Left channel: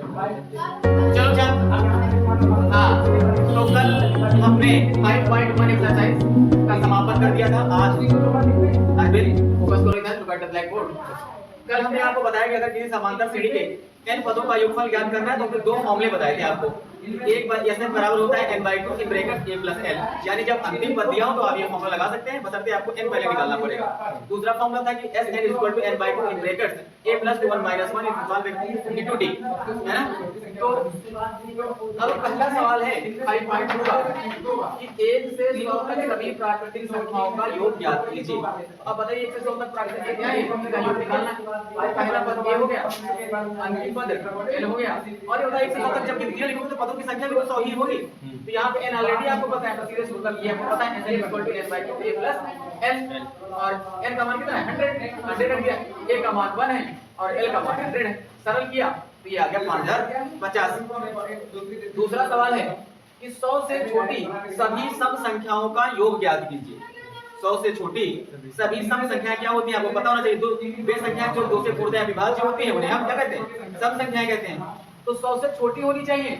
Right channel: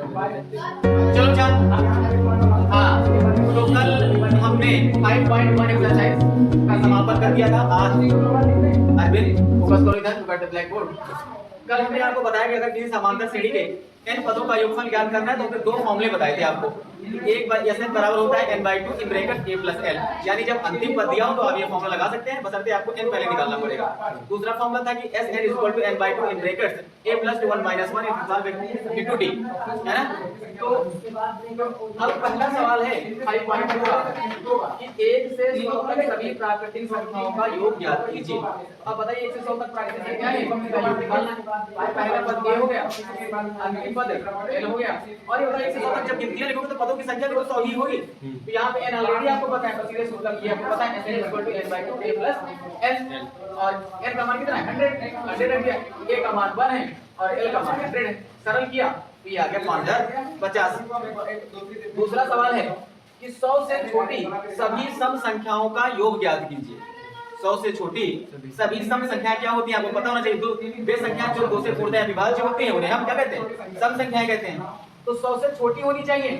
चलो चल। हाँ, तो कल हमने 5.1 एक्सरसाइज का समापन कर दिया था। आज अरविंद फोकस करो इधर, टू द ब्लैक बोर्ड। कल हमने आपको बताया कि अगर किसी समांतर श्रेणी के n पदों का योगफल ज्ञात करना है तो हमने दो फॉर्मूले बताए थे आपको। एक Sn बराबर होता है n/2 in bracket a + l, यानी जब अंतिम पद दिया हो तो आप ये फॉर्मूला लगा सकते हैं, बशर्ते आपको n पहले निकालना पड़ेगा। दूसरा फॉर्मूला था कि Sn = n/2 in brackets a + 1 - 1 * d, है ना। तो अब पहला सवाल है 5.2 का कि 1 से 100 तक सभी प्राकृतिक संख्याओं का योग ज्ञात कीजिए। अब बताइए 1 से 100 तक प्राकृतिक संख्या है, इसका योग निकालना है। पहला पद a हो गया, अंतिम पद l हो गया, और ये होता है 1 से 100 तक जब गिनतियां लिखोगे तो पदों की संख्या भी तो 100 ही होगी। तो यहाँ पे n ऑलरेडी आपको पता है, तो सीधे सूत्र किया आपको पता है Sn = n/2 a + l, और n का मान कितना है 100 रख दिया, a का मान 1 है और l का मान 100 है। सरल किया तो ये आ गया 5050। दूसरा सवाल है कि 100 से छोटी सभी सम संख्याओं का योग ज्ञात कीजिए। 100 से छोटी सभी सम संख्याएं क्या होती हैं आपको पता होना चाहिए। दो वे संख्याएं जो 2 से पूर्णतः विभाज्य होती हैं उन्हें हम क्या कहते हैं, सम संख्याएं कहते हैं। तो 100 से छोटी होनी चाहिए,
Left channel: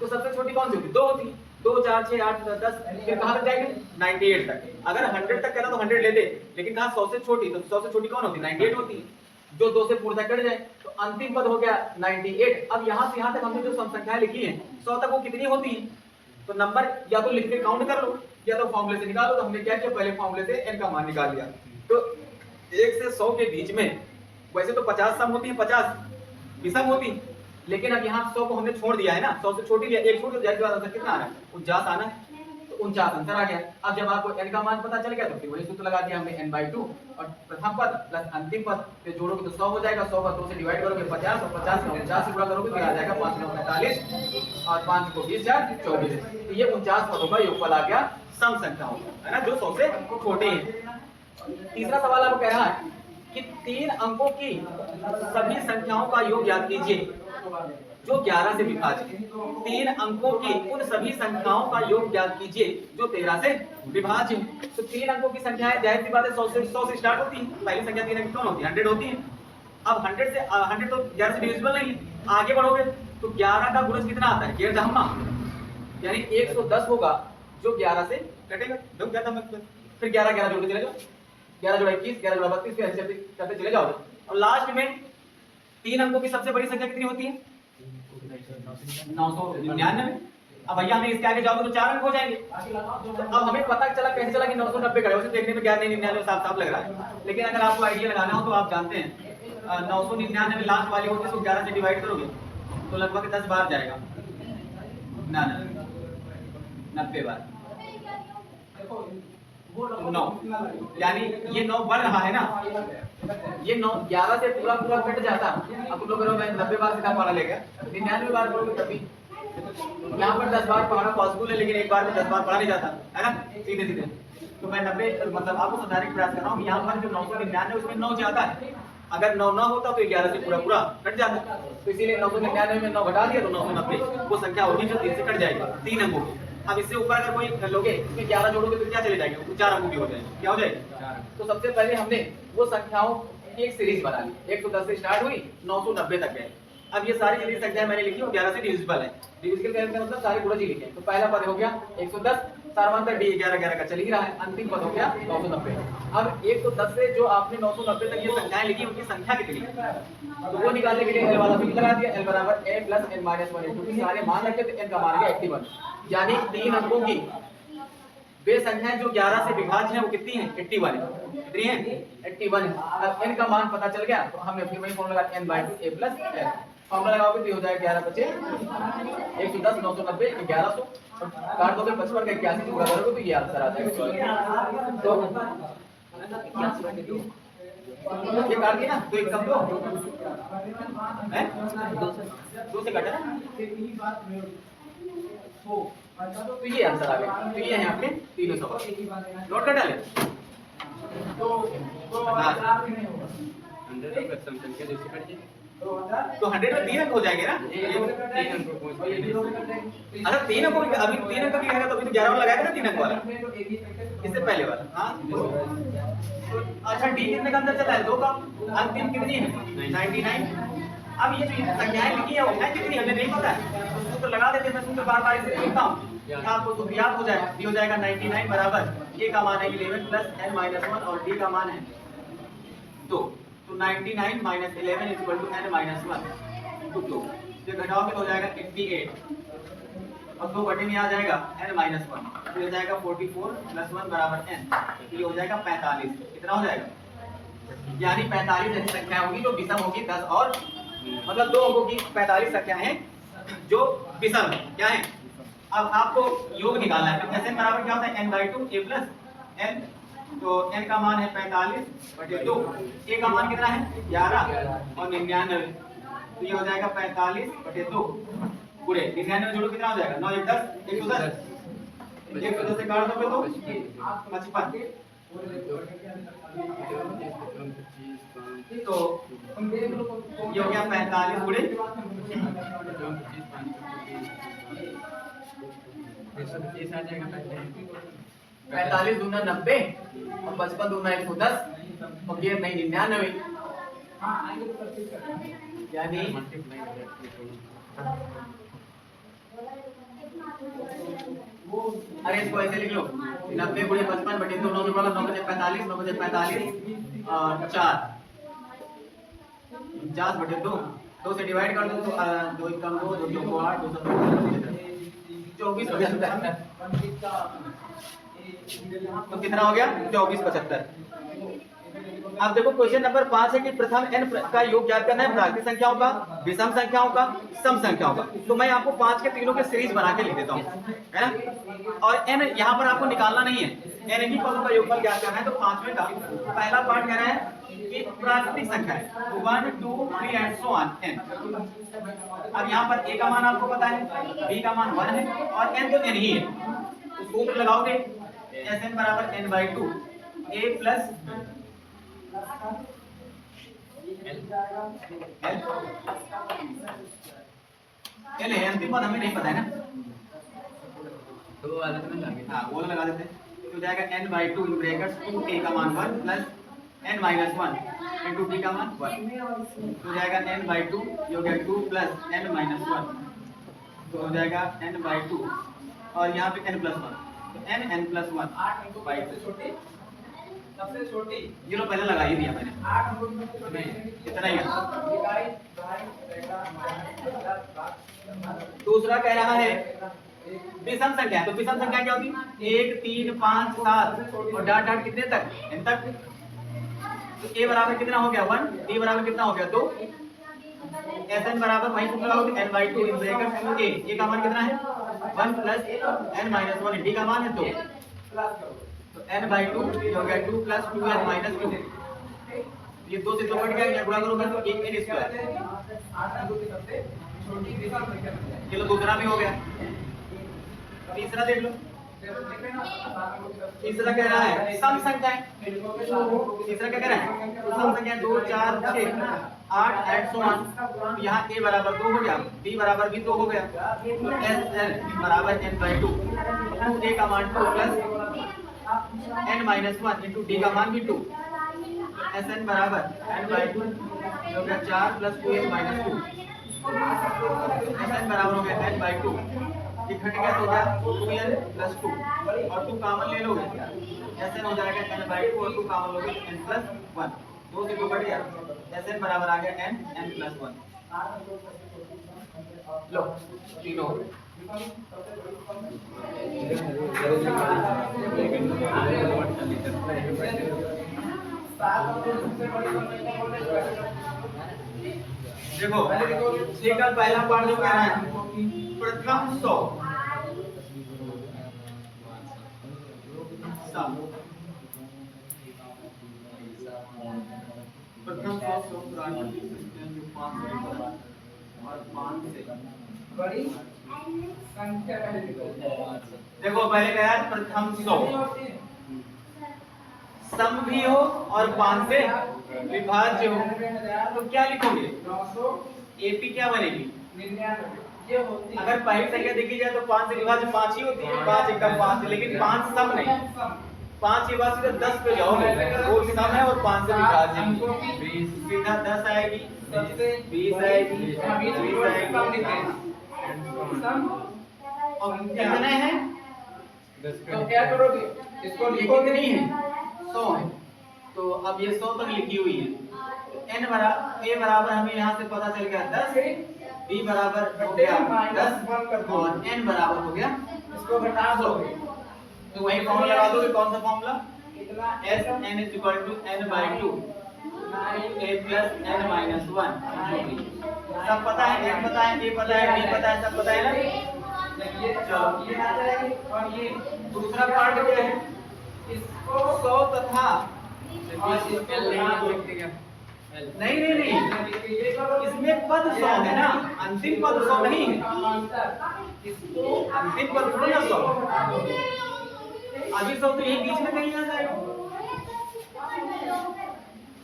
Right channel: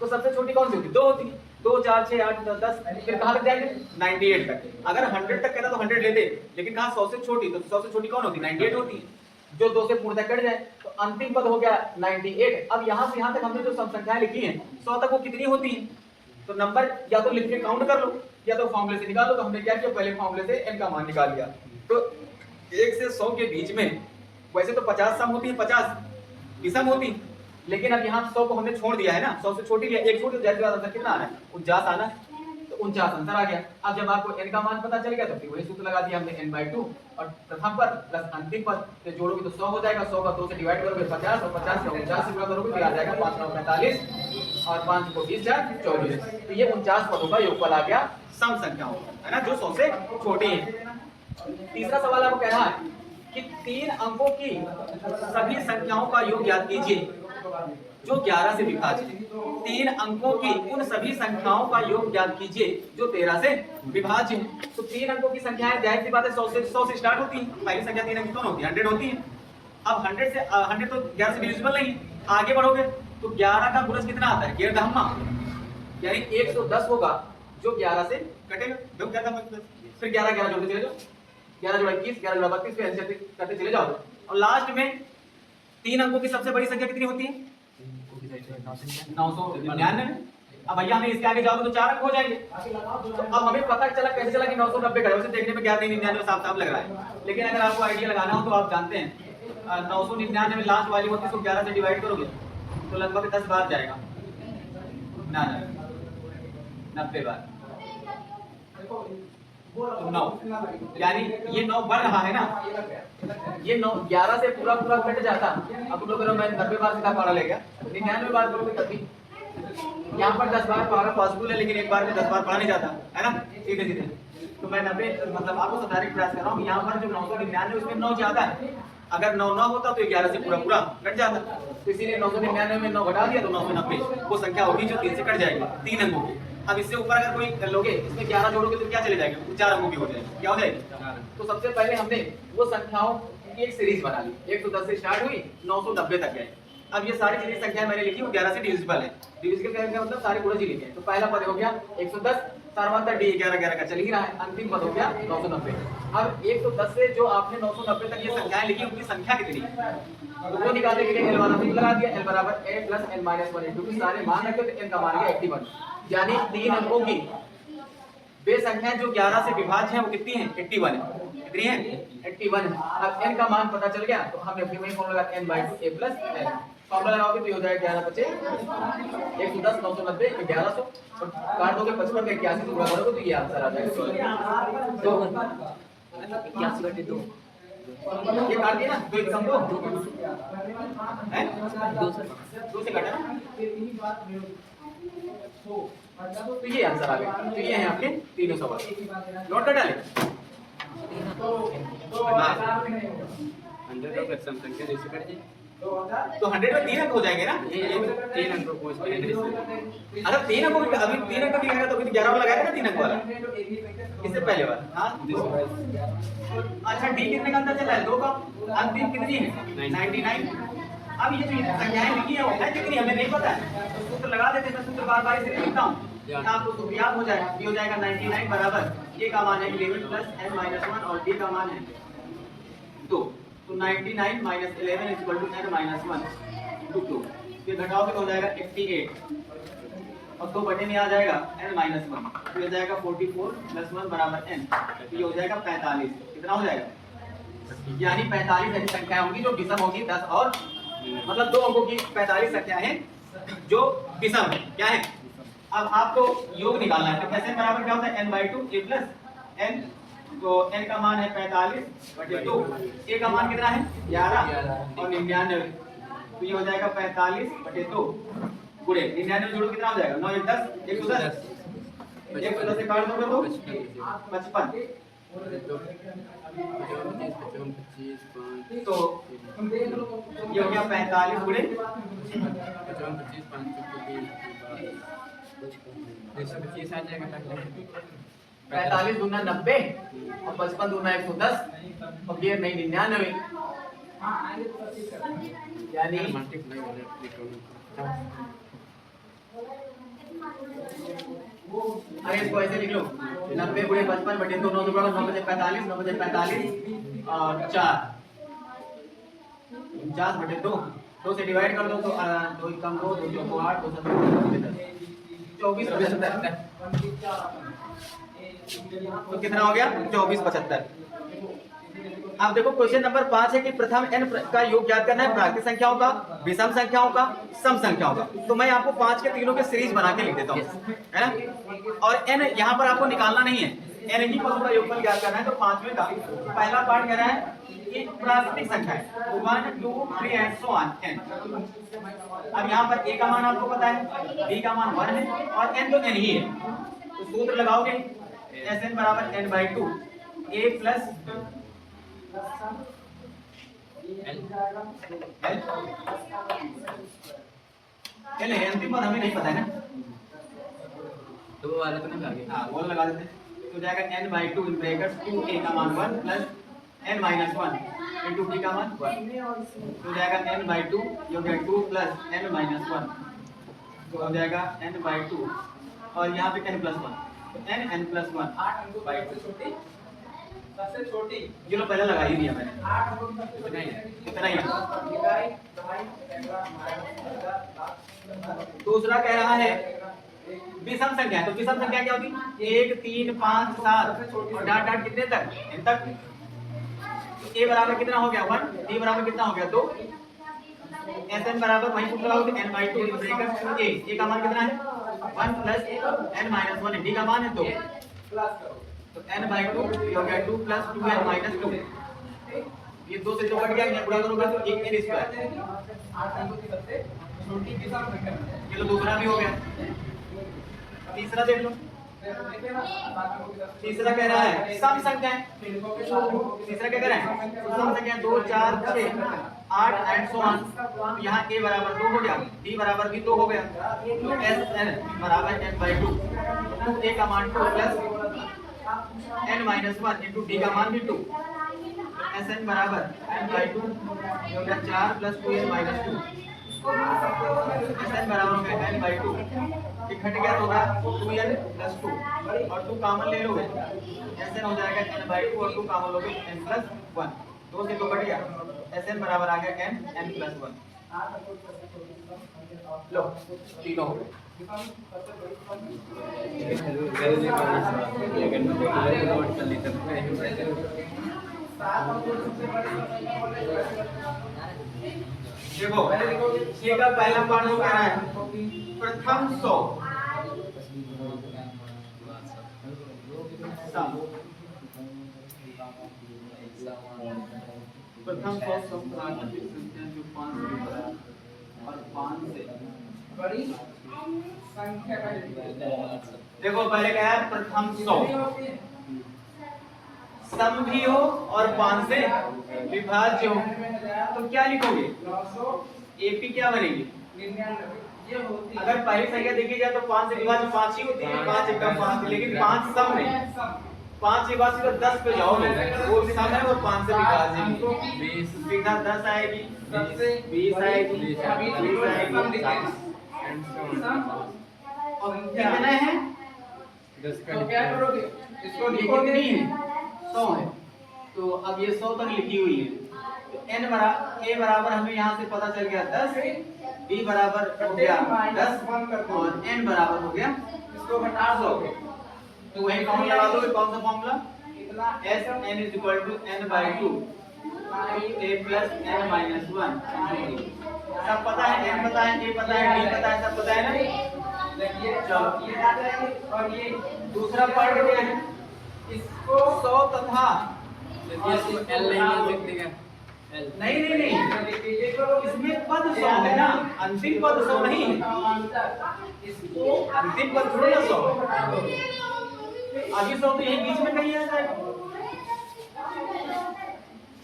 तो सबसे छोटी कौन सी होती है, 2 होती है। 2 4 6 8 10, फिर कहां तक जाएंगे 98 तक। अगर 100 तक कहना तो 100 लेते, लेकिन कहा 100 से छोटी, तो 100 से छोटी कौन होती है 98 होती है, जो 2 से पूर्णतः कट जाए। तो अंतिम पद हो गया 98। अब यहां से यहां तक हमने जो सम संख्याएं लिखी हैं 100 तक वो कितनी होती है, तो नंबर या तो लिख के काउंट कर लो या तो फॉर्मूले से निकाल लो। तो हमने क्या किया, पहले फॉर्मूले से n का मान निकाल लिया। तो 1 से 100 के बीच में वैसे तो 50 सम होती है, 50 विषम होती, लेकिन अब यहाँ 100 को हमने छोड़ दिया है ना, 100 से छोटी लिया, एक छोड़ दिया, जाहिर सी बात आंसर कितना आ रहा है 49 आना है। तो 49 आंसर आ गया। अब जब आपको n का मान पता चल गया तो फिर वही सूत्र लगा दिया हमने n/2 और प्रथम पद प्लस अंतिम पद से जोड़ोगे तो 100 हो जाएगा। 100 का 2 से डिवाइड करोगे 50, और 50 का 49 से गुणा करोगे तो आ जाएगा 5 9 45 और 5 को 20 4 24। तो ये 49 पदों का योगफल आ गया सम संख्याओं, है ना, जो 100 से छोटी है। तीसरा सवाल आपको कह रहा है कि 3 अंकों की सभी संख्याओं का योग ज्ञात कीजिए जो 11 से विभाज्य है। 3 अंकों की उन सभी संख्याओं का योग ज्ञात कीजिए जो 13 से विभाज्य है। तो 3 अंकों की संख्याएं जाहिर सी बात है 100 से स्टार्ट होती है। पहली संख्या 3 अंक की कौन होती है, 100 होती है। अब 100 तो 11 से डिविजिबल नहीं, आगे बढ़ोगे तो 11 का गुणज कितना आता है, 11 यानी 110 होगा जो 11 से कटेगा। देखो क्या था, फिर 11 11 जोड़ते चले जाओ, 11 जोड़ा 21, 11 जोड़ा 32, फिर ऐसे करते चले जाओ। और लास्ट में 3 अंकों की सबसे बड़ी संख्या कितनी होती है, 999। अब भैया हमें इसके आगे जाओगे तो 4 अंक हो जाएंगे। तो अब हमें पता चला कैसे चला कि 990 का है, उसे देखने में 1199 साफ साफ लग रहा है, लेकिन अगर आपको आइडिया लगाना हो तो आप जानते हैं 999 लास्ट वाली होती है, तो 11 से डिवाइड करोगे तो लगभग 10 बार जाएगा, 90 बार 9, यानी ये 9 बढ़ रहा है ना, ये 9 11 से पूरा कट जाता। अब तुम लोग करोगे मैं 90 बार सीधा पारा ले गया, 99 बार करोगे तब भी यहाँ पर 10 बार पढ़ना पॉसिबल है, लेकिन एक बार में 10 बार पढ़ा नहीं जाता है ना, सीधे सीधे। तो मैं 90 मतलब आपको समझाने का प्रयास कर रहा हूँ। यहाँ पर जो 999 उसमें 9 ज्यादा है, अगर 9 9 होता तो 11 से पूरा कट जाता। तो इसीलिए 999 में 9 घटा दिया तो 990 वो संख्या होगी जो 3 से कट जाएगी, 3 अंकों की। अब इससे ऊपर अगर कोई लोगे इसमें 11 जोड़ोगे तो क्या चले जाएंगे, वो 4 अंकों की हो जाएगी। क्या हो जाएगी, तो सबसे पहले हमने वो संख्याओं की एक सीरीज बना ली, 110 से स्टार्ट हुई 990 तक गए। अब ये सारी जितनी संख्याएं मैंने लिखी वो 11 से डिविजिबल है। डिविजिबल कहने का मतलब सारे गुणज ही लिखे हैं। तो पहला पद हो गया 110, सारवांतर डी 11 11 का चल ही रहा है, अंतिम पद हो गया 990। अब 110 से जो आपने 990 तक ये संख्याएं लिखी उनकी संख्या कितनी है, तो वो निकालने के लिए एल वाला सूत्र लगा दिया, एल बराबर a + n - 1, क्योंकि सारे मान रखे तो n का मान गया 81, यानी 3 अंकों की वे संख्याएं जो 11 से विभाज्य हैं वो कितनी हैं, 81। कितनी हैं, 81। अब n का मान पता चल गया तो हमने फिर वही फॉर्मूला लगा n/2 a + l। फॉर्मूला लगाओगे तो ये हो जाएगा 11 बचे 110 990 1100, और काट दोगे 55 का 81 से गुणा करोगे तो ये आंसर आ जाएगा। तो 81/2 ये काट दिया ना, तो एक कम दो है 2 से कटा ना, तो ये आंसर आ गया। तो ये है आपके तीनों सवाल, नोट कर डाले। तो 100 में 3 अंक हो जाएंगे ना, ये 3 अंक अच्छा 3 अंक अभी 3 अंक भी आएगा तो अभी तो 11 वाला लगाएगा ना 3 अंक वाला, इससे पहले वाला। हाँ अच्छा डी कितने का अंदर चला है, 2 का, अंतिम कितनी है 99। अब ये जो संख्याएं लिखी है कितनी हमें नहीं पता है, तो सूत्र लगा देते हैं। मैं सूत्र बार बार इसे लिखता हूँ, आपको सूत्र याद हो जाएगा। ये हो जाएगा 99 बराबर ए का मान है 11 प्लस n माइनस 1 और d का मान है 2, तो 99 minus 11 is equal to n minus 1 into 2। ये घटाओगे तो हो जाएगा 88 और 2 बटे में आ जाएगा n माइनस 1, तो ये जाएगा 44 प्लस 1 बराबर n, तो ये हो जाएगा 45। कितना हो जाएगा, यानी 45 ऐसी संख्या होंगी जो विषम होगी 10 और मतलब 2 अंकों की 45 संख्या है जो विषम है। क्या है, अब आपको योग निकालना है। तो Sn बराबर क्या होता है n/2 a प्लस n, तो n का मान है 45 बटे 2, a का मान कितना है 11 और 99, तो ये हो जाएगा 45 बटे 2 गुणे 99 जोड़ो कितना हो जाएगा 9 1 10 110, 110 से काट दोगे तो 55, तो ये हो गया 45 गुणे 45 दूना 90 और 55 दूना 110 और ये नहीं 99, यानी अरे इसको ऐसे लिख लो 90 गुणे 55 बटे 2, 9 9 बजे 45, 9 बजे 45 और 4 50 बटे 2, 2 से डिवाइड कर दो तो 2 कम 2 2 2 8 2 24 75, तो कितना हो गया 24 75। अब देखो क्वेश्चन नंबर 5 है कि प्रथम n का योग ज्ञात करना है, प्राकृतिक संख्याओं का, विषम संख्याओं का, सम संख्याओं का। तो मैं आपको 5 के तीनों के सीरीज बना के लिख देता हूँ, है ना। और n यहाँ पर आपको निकालना नहीं है, n ही पदों का योगफल ज्ञात करना है। तो 5वें का पहला पार्ट कह रहा है कि प्राकृतिक संख्या है 1 2 3 एंड सो ऑन n। अब यहाँ पर a का मान आपको पता है, b का मान 1 है और n तो n ही है, तो सूत्र लगाओगे Sn बराबर n/2 a प्लस L है, अंतिम पद हमें नहीं पता है ना, तो वो वाले तो नहीं लगे, हाँ वो लगा देते हैं। तो जाएगा n/2 इन ब्रैकेट्स 2a का मान 1 plus n minus 1 into b का मान 1, तो जाएगा n/2 ये हो गया 2 प्लस n माइनस 1, तो हो जाएगा n/2 और यहाँ पे n प्लस 1, तो n प्लस 1 8 सबसे छोटी, ये लो पहले लगा ही दिया मैंने, 8 इतना ही। दूसरा कह रहा है विषम संख्या, तो विषम संख्या क्या होती 1 3 5 7 और डाट डाट कितने तक n तक, तो a बराबर कितना हो गया 1, d बराबर कितना हो गया 2, Sn बराबर वही सूत्र लगाओगे n/2 इन ब्रैकेट 2a का मान कितना है 1 प्लस n माइनस 1, d का मान है 2, तो n/2 ये हो गया 2 प्लस 2n माइनस 2, ये 2 से 2 कट गया, ये गुणा करोगे तो 1n स्क्वायर। चलो दूसरा भी हो गया, तीसरा देख लो। तीसरा कह रहा है सम संख्या है, तीसरा क्या कह रहा है तो सम संख्या 2 4 6 8 एंड सो ऑन, तो यहाँ a बराबर 2 हो गया, d बराबर भी 2 हो गया, तो Sn बराबर n/2 2a का मान 2 plus n minus 1 into d का मान भी 2, Sn बराबर n/2 हो गया 4 प्लस 2n माइनस 2, Sn बराबर हो गया n/2, ये घट गया तो होगा 2n प्लस 2 और 2 कॉमन ले लोगे, Sn हो जाएगा n/2 और 2 कॉमन लोगे n प्लस 1, 2 से 2 कट गया, Sn बराबर आ गया n प्लस 1। लो तीनों हो गए। देखो ठीक है, पहला पार्ट जो कह रहा है प्रथम 100 प्रथम 100 प्राकृतिक संख्या जो 5 से बड़ा और 5 से बड़ी संख्या। देखो पहले कहा है प्रथम 100 सम भी हो और 5 से विभाज्य हो, तो क्या लिखोगे एपी क्या बनेगी 99। अगर पहली संख्या देखी जाए तो 5 से विभाज्य 5 ही होती है, 5 1 5, लेकिन 5 सम नहीं, 5 के बाद सीधा 10 पे जाओगे, वो सम है और 5 से विभाज्य 20 सीधा 10 आएगी, सबसे 20 आएगी, 20 आएगी। अब कितने हैं? तो क्या करोगे, इसको ये लिखोगे कितनी है? 100 है। तो अब ये 100 तक लिखी हुई है। तो n बराबर, a बराबर हमें यहाँ से पता चल गया 10, b बराबर हो गया 10 और n बराबर हो गया इसको घटा दोगे तो वही फॉर्मूला लगा दोगे। कौन सा फॉर्मूला? कितना s n = n/2 a plus n minus 1। सब पता है, n पता है, a पता है, d पता है, सब पता है ना? ये चलो ये आ जाएगी और ये दूसरा पार्ट क्या है? इसको 100 तथा नहीं नहीं नहीं, ये करो, इसमें पद 100 है ना, अंतिम पद 100 नहीं है। इसको अंतिम पद थोड़ा ना 100 अभी 100 तो यही बीच में कहीं आ जाएगा।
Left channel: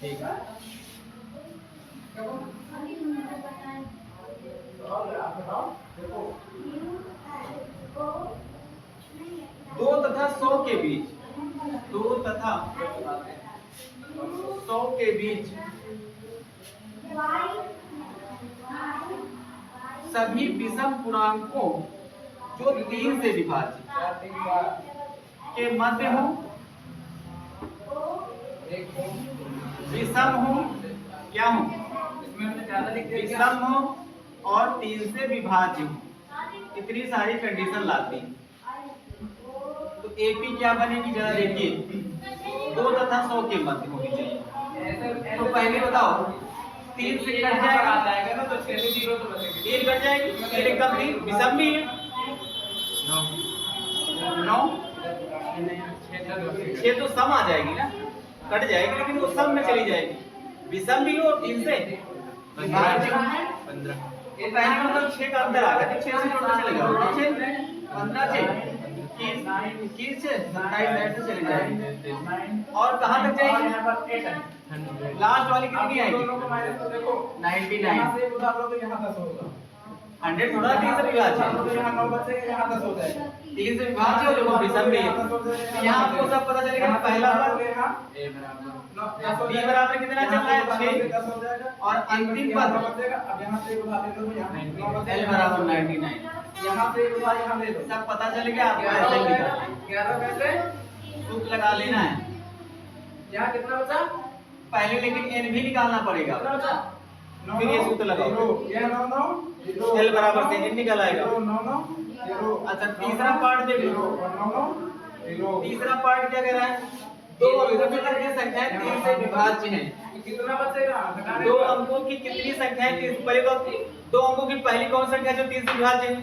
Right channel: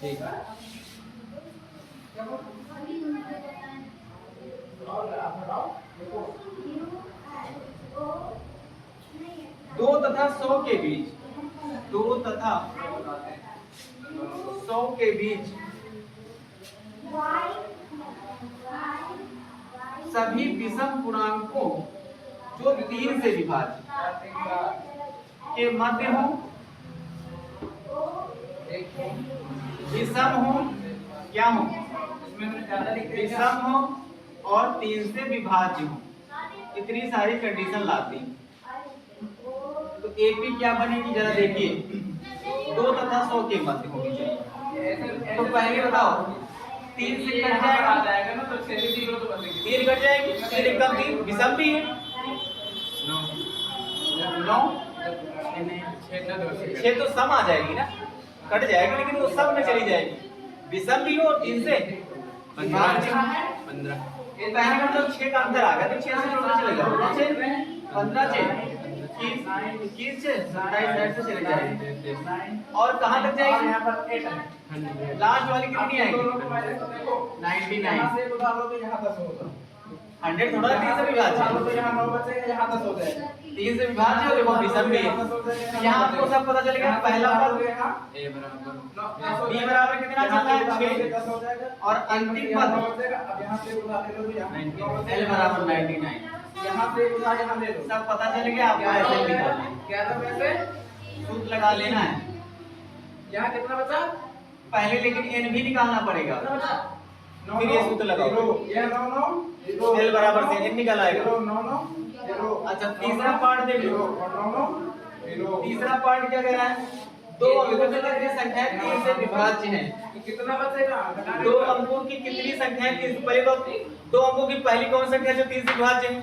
ठीक है, दो तथा 100 के बीच, 2 तथा 100 के बीच सभी विषम पूर्णांकों जो 3 से विभाजित के मध्य हो, विषम हो, क्या हो? इसमें हमने ज्यादा लिख दिया विषम हो और 3 से विभाज्य हो, इतनी सारी कंडीशन लाती। तो एपी क्या बनेगी जरा देखिए, 2 तथा 100 के मध्य होनी चाहिए। तो पहले बताओ, 3 से कट जाएगा ना, तो 6 से 0 तो बचेंगे, 3 कट जाएगी, 3 एकदम 3 विषम भी है 9 6 तो सम आ जाएगी ना, कट जाएगी लेकिन वो सम में चली जाएगी। विषम भी हो और 3 से विभाज्य हो। 15 ये पहले का मतलब 6 का अंतर आ गया, तो 6 से जोड़ना चलेगा 15 से 21 से 27 से चले जाएगी। और कहाँ तक जाएगी? यहाँ पर 8 है, लास्ट वाली कितनी आएगी? दोनों को माइनस तो देखो 99। यहाँ से उधार लो तो यहाँ 10 होगा, 100 थोड़ा 3 से विभाज्य है, तो यहाँ 9 बचेगा, यहाँ 10 हो जाएगा, 3 से विभाज्य हो, देखो विषम भी है। यहाँ आपको सब पता चलेगा। पहला पद b बराबर कितना चल रहा है? 6 और अंतिम पद अब यहाँ से उधार ले लो, यहाँ l बराबर 99। यहाँ से उधार यहाँ ले लो, सब पता चल गया, आपको ऐसे ही निकालना है, 11 में से सूत्र लगा लेना है यहाँ कितना बचा, पहले, लेकिन n भी निकालना पड़ेगा। कितना बचा, फिर ये सूत्र लगाओ, ये 9 l बराबर से n निकल आएगा। 9 अच्छा तीसरा पार्ट देख लो, तीसरा पार्ट क्या कह रहा है? 2 अंकों की कितनी संख्याएं 3 से विभाज्य है? कितना बचेगा, 2 अंकों की कितनी संख्याएं 3 से? पहले तो 2 अंकों की पहली कौन संख्या जो 3 से विभाज्य है?